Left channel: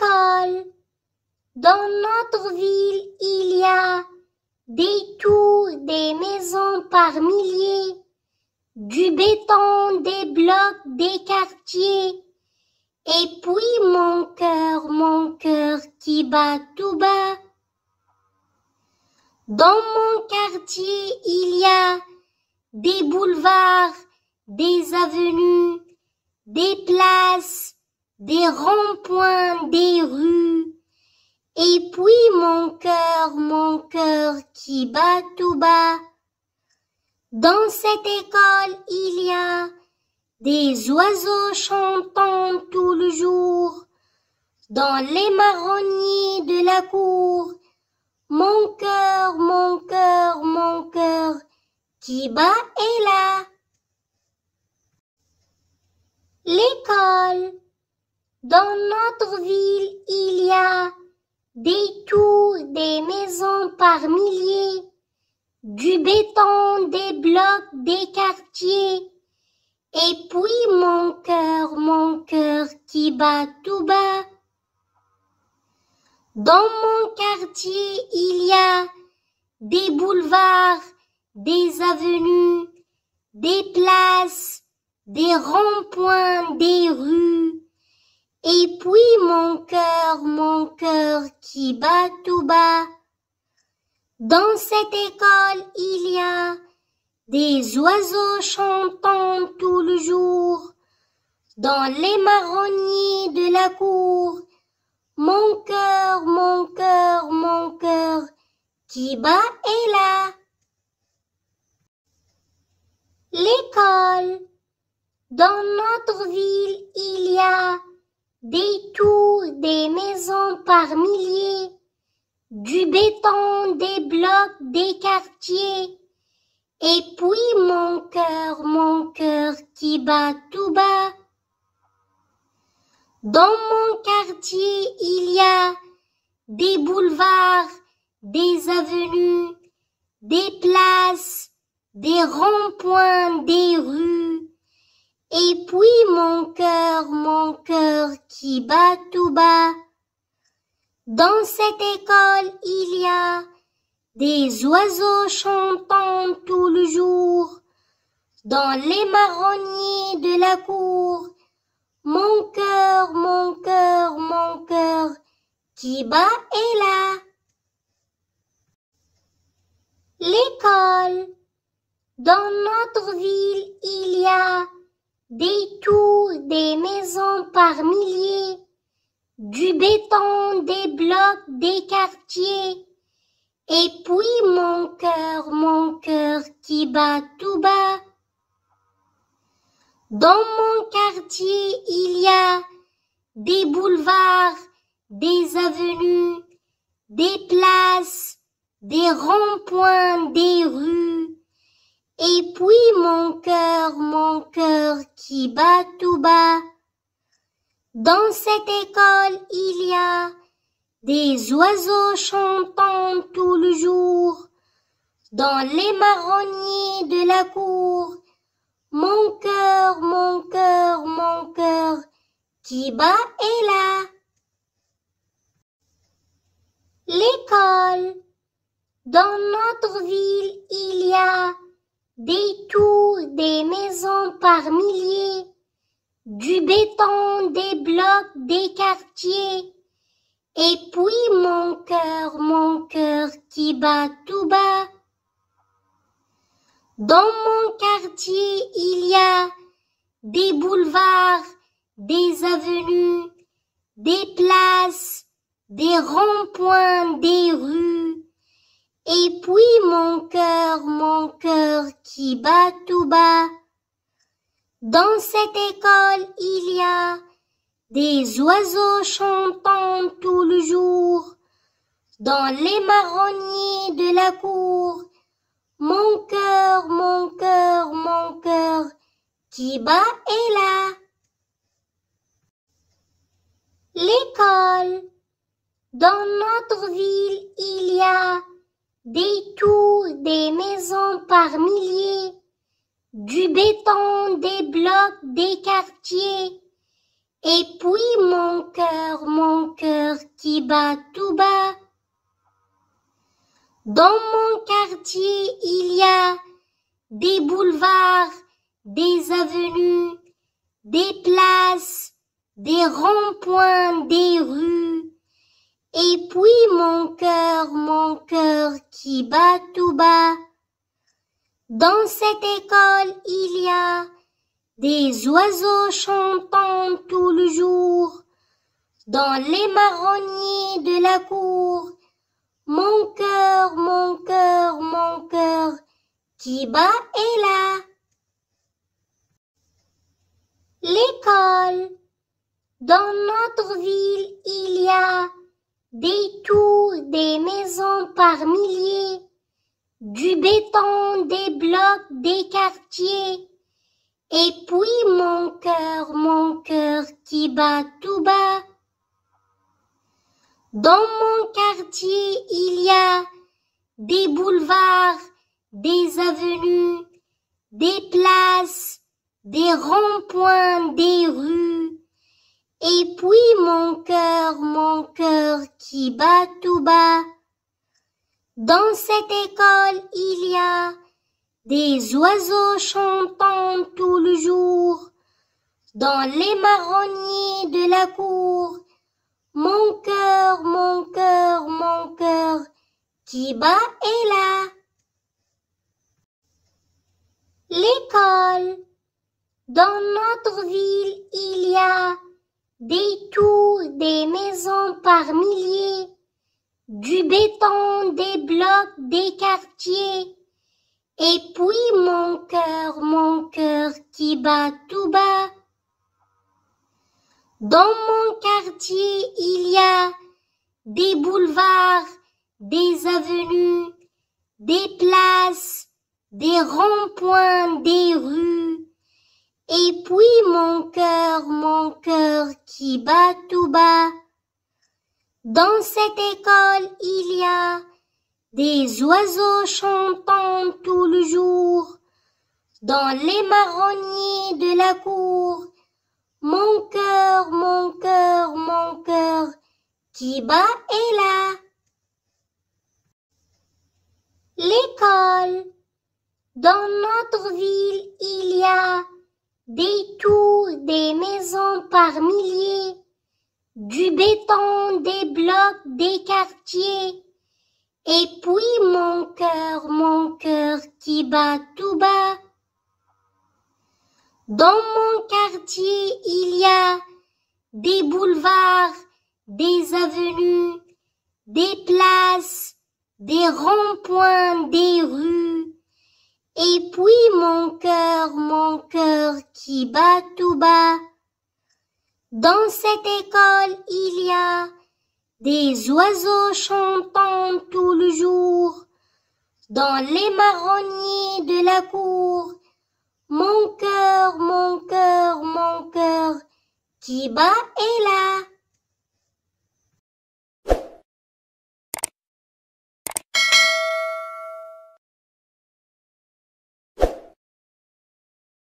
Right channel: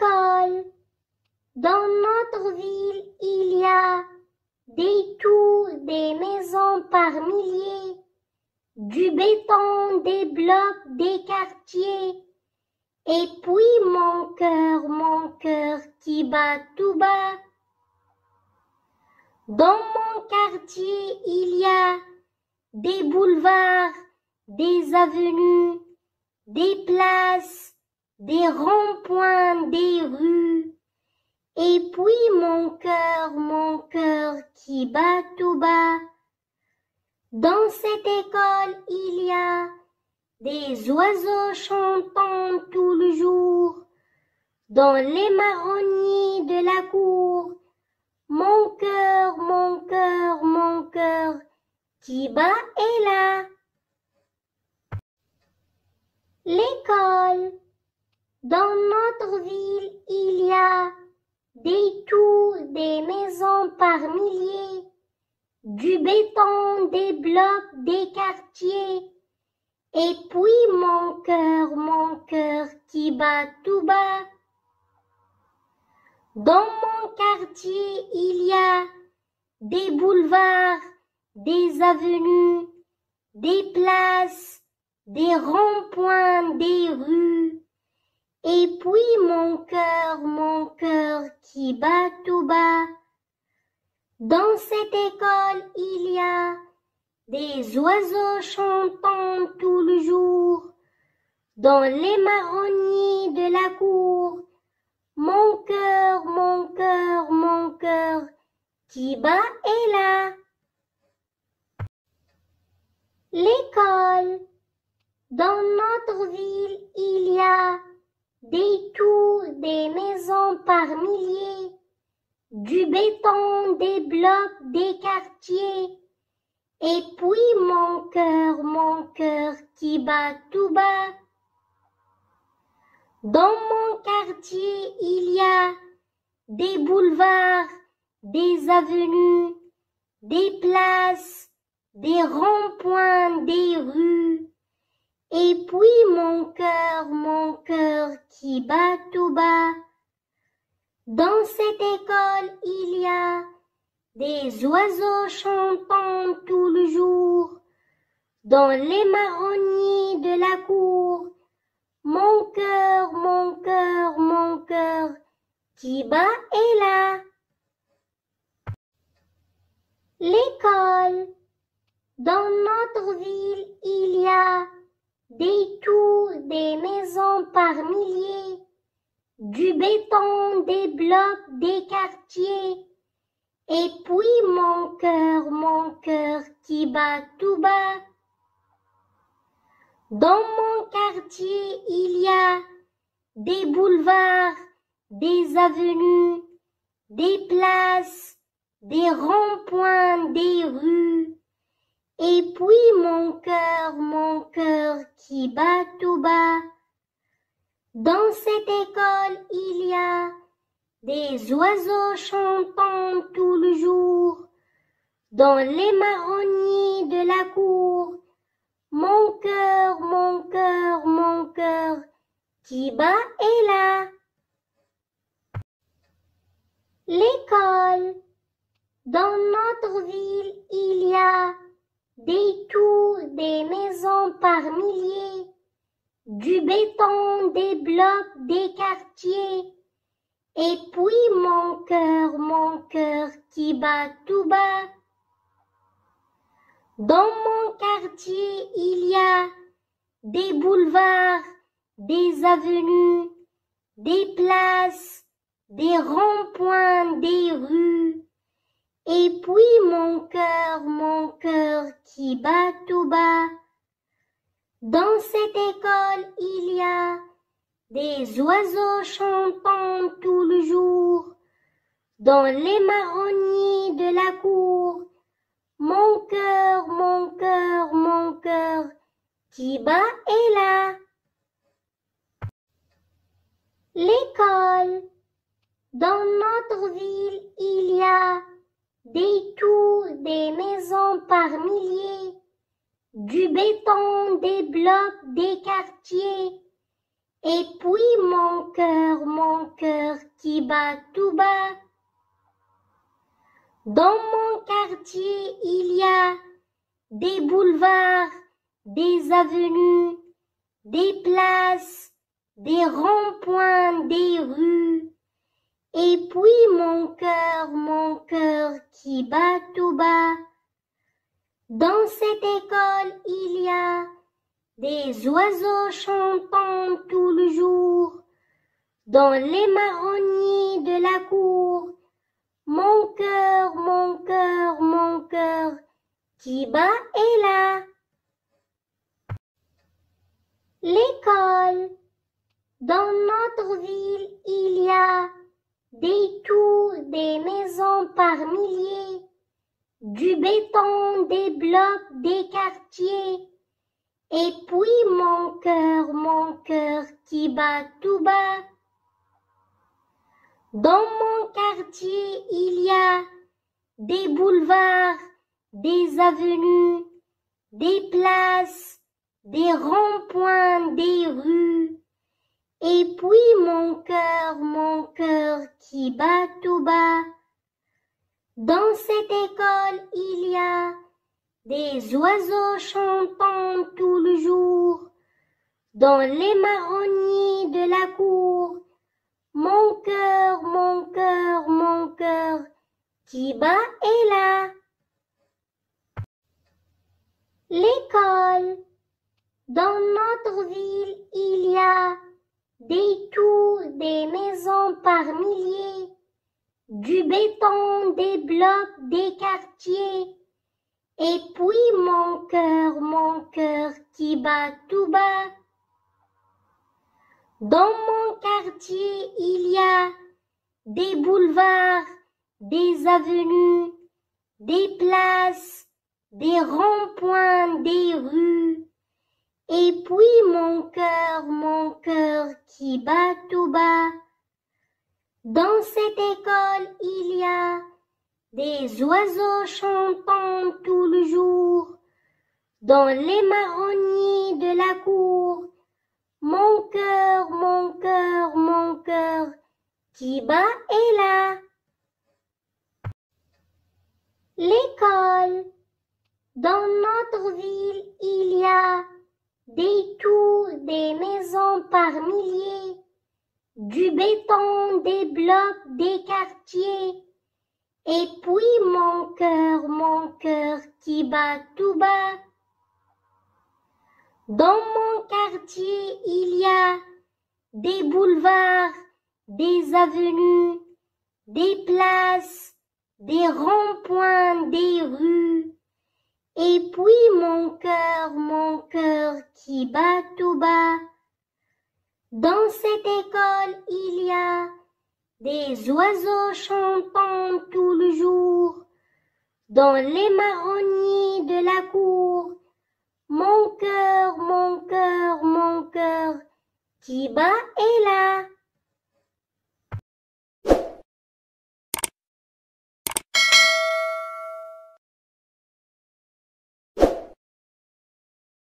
L'école. Dans notre ville, il y a des tours, des maisons par milliers, du béton, des blocs, des quartiers. Et puis mon cœur qui bat tout bas. Dans mon quartier, il y a des boulevards, des avenues, des places, des ronds-points, des rues. Et puis mon cœur qui bat tout bas. Dans cette école, il y a des oiseaux chantant tout le jour. Dans les marronniers de la cour, mon cœur qui bat est là. L'école. Dans notre ville, il y a des tours, des maisons par milliers, du béton, des blocs, des quartiers. Et puis mon cœur qui bat tout bas. Dans mon quartier, il y a des boulevards, des avenues, des places, des ronds-points, des rues. Et puis mon cœur qui bat tout bas. Dans cette école, il y a des oiseaux chantant tout le jour. Dans les marronniers de la cour, mon cœur qui bat est là. L'école. Dans notre ville, il y a des tours, des maisons par milliers, du béton, des blocs, des quartiers. Et puis mon cœur qui bat tout bas. Dans mon quartier, il y a des boulevards, des avenues, des places, des ronds-points, des rues. Et puis mon cœur qui bat tout bas. Dans cette école, il y a des oiseaux chantant tout le jour. Dans les marronniers de la cour, mon cœur qui bat est là. L'école. Dans notre ville, il y a des tours, des maisons par milliers, du béton, des blocs, des quartiers. Et puis mon cœur qui bat tout bas. Dans mon quartier, il y a des boulevards, des avenues, des places, des ronds-points, des rues. Et puis mon cœur qui bat tout bas. Dans cette école, il y a des oiseaux chantant tout le jour. Dans les marronniers de la cour, mon cœur qui bat est là. L'école. Dans notre ville, il y a des tours, des maisons par milliers, du béton, des blocs, des quartiers. Et puis mon cœur qui bat tout bas. Dans mon quartier, il y a des boulevards, des avenues, des places, des ronds-points, des rues. Et puis mon cœur qui bat tout bas. Dans cette école, il y a des oiseaux chantant tout le jour. Dans les marronniers de la cour, mon cœur qui bat est là. L'école. Dans notre ville, il y a des tours, des maisons par milliers, du béton, des blocs, des quartiers. Et puis mon cœur qui bat tout bas. Dans mon quartier, il y a des boulevards, des avenues, des places, des ronds-points, des rues. Et puis mon cœur qui bat tout bas. Dans cette école, il y a des oiseaux chantant tout le jour. Dans les marronniers de la cour, mon cœur qui bat est là. L'école. Dans notre ville, il y a des tours, des maisons par milliers, du béton, des blocs, des quartiers. Et puis mon cœur qui bat tout bas. Dans mon quartier, il y a des boulevards, des avenues, des places, des ronds-points, des rues. Et puis mon cœur qui bat tout bas. Dans cette école, il y a des oiseaux chantant tout le jour. Dans les marronniers de la cour, mon cœur qui bat est là. L'école. Dans notre ville, il y a des tours, des maisons par milliers, du béton, des blocs, des quartiers. Et puis mon cœur qui bat tout bas. Dans mon quartier, il y a des boulevards, des avenues, des places, des ronds-points, des rues. Et puis mon cœur qui bat tout bas. Dans cette école, il y a des oiseaux chantant tout le jour. Dans les marronniers de la cour, mon cœur qui bat est là. L'école. Dans notre ville, il y a des tours, des maisons par milliers, du béton, des blocs, des quartiers. Et puis mon cœur qui bat tout bas. Dans mon quartier, il y a des boulevards, des avenues, des places, des ronds-points, des rues. Et puis mon cœur qui bat tout bas. Dans cette école, il y a des oiseaux chantant tout le jour. Dans les marronniers de la cour, mon cœur qui bat est là.